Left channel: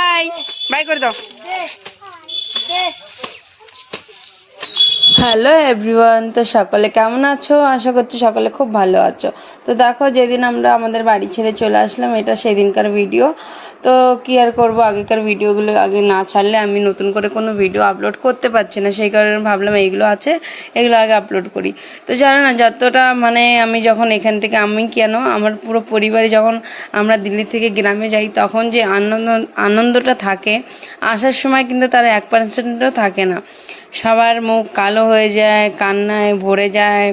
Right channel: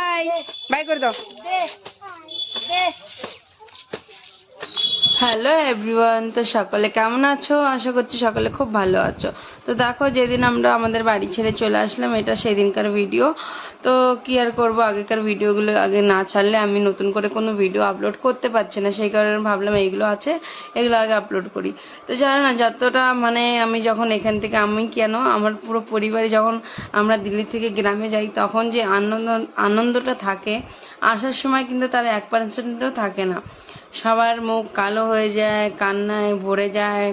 I by করে দাও। Hello everyone তো সকলে কেমন আছো? আশা করছি সকলে খুব ভালো আছো। তো দেখো, যেদিন আমরা আমাদের বাড়ি ছেড়ে চলে আসলাম, এটা সেদিনকার ভিডিও তো কি আর করব? আগেকার ভিডিওগুলো আগে না ছাড়লে আমি নতুন করে কোনো ভিডিও আপলোড করতে পারছি না। সেই কারণে ভাবলাম এইগুলো আছে, এগুলো আগে আপলোড করি। তো জানো না, যতটা মানে আমি যখন এখান থেকে, আমি কেন, আমার পুরো পরিবারে যখন আমরা দিল্লি থেকে গ্রামে যাই, তখন যে আনন্দ, আনন্দটা থাকে, আসার সময় কিন্তু তার এক পার্সেন্টও থাকে না। সবার মুখ কালো হয়ে যায়, কান্নায় ভরে যায়।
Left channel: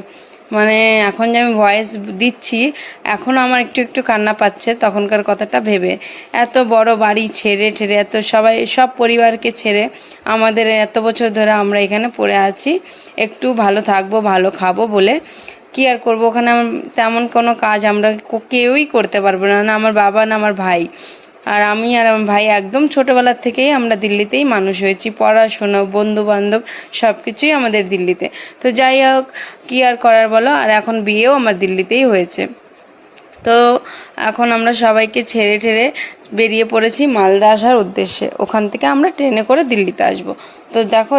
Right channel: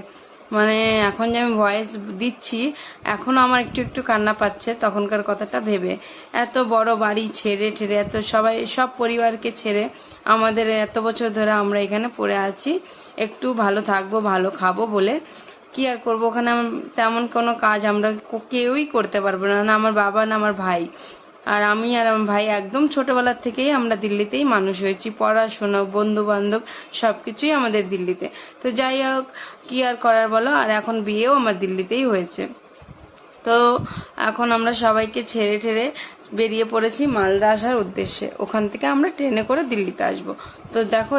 মানে এখন যে আমি ভয়েস দিচ্ছি এখনও আমার একটু একটু কান্না পাচ্ছে তখনকার কথাটা ভেবে। এত বড় বাড়ি ছেড়ে ঠেড়ে, এত সবাই, সব পরিবারকে ছেড়ে আমাদের এত বছর ধরে আমরা এখানে পড়ে আছি। একটু ভালো থাকব, ভালো খাব বলে। কি আর করব? ওখানে তেমন কোনো কাজ আমরা কেউই করতে পারব না। না আমার বাবা, না আমার ভাই। আর আমি আর আমার ভাই একদম ছোটবেলার থেকেই আমরা দিল্লিতেই মানুষ হয়েছি। পড়াশোনা বন্ধু বান্ধব সব কিছুই আমাদের দিল্লিতে। তো যাই হোক, কি আর করার বলো? আর এখন বিয়েও আমার দিল্লিতেই হয়েছে। তো এখন আমরা সবাইকে ছেড়ে ঠেড়ে বেরিয়ে পড়েছি মালদা আসার উদ্দেশ্যে। ওখান থেকে আমরা ট্রেনে করে দিল্লিতে আসব। তো দেখো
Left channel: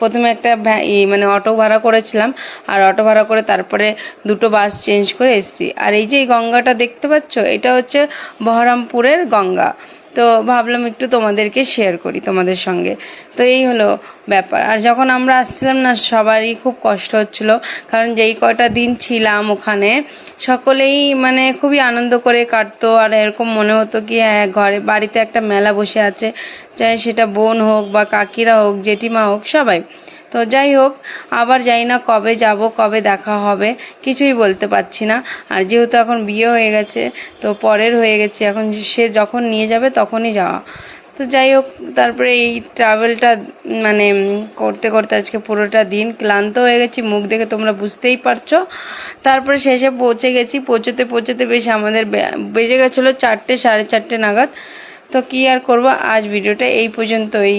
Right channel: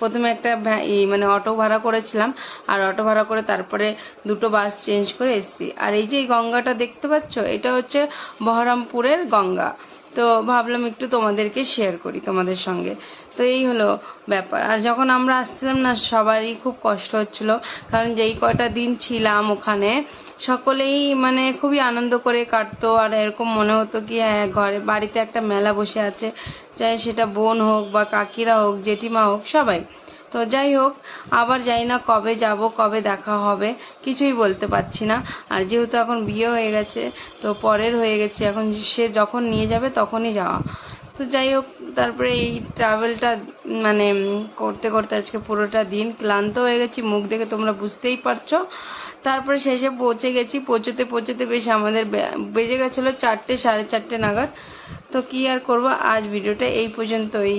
প্রথমে একটা মানে অটো ভাড়া করেছিলাম। আর অটো ভাড়া করে তারপরে দুটো বাস চেঞ্জ করে এসছি। আর এই যে এই গঙ্গাটা দেখতে পাচ্ছ, এটা হচ্ছে বহরমপুরের গঙ্গা। তো ভাবলাম একটু তোমাদেরকে শেয়ার করি, তোমাদের সঙ্গে। তো এই হলো ব্যাপার। আর যখন আমরা আসছিলাম না, সবারই খুব কষ্ট হচ্ছিল। কারণ যেই কয়টা দিন ছিলাম ওখানে, সকলেই মানে খুবই আনন্দ করে কাটতো। আর এরকম মনে হতো কি হ্যাঁ ঘরে, বাড়িতে একটা মেলা বসে আছে। চাই সেটা বোন হোক বা কাকিরা হোক, জেঠিমা হোক, সবাই। তো যাই হোক, আবার যাই না কবে যাব, কবে দেখা হবে, কিছুই বলতে পারছি না। আর যেহেতু এখন বিয়ে হয়ে গেছে, তো পরের হয়ে গেছে, এখন সে যখন নিয়ে যাবে তখনই যাওয়া। তো যাই হোক, তারপরে এই ট্রাভেলটা মানে করতে করতে আজকে পুরোটা দিন ক্লান্ত হয়ে গেছি, মুখ দেখে তোমরা বুঝতেই পারছ। তারপরে শেষে পৌঁছে গেছি, পৌঁছতে পৌঁছতে বেশ আমাদের বেজে গেছিল চারটে, সাড়ে চারটে নাগাদ। তো কি আর করব, আজ ভিডিওটা এই পর্যন্তই।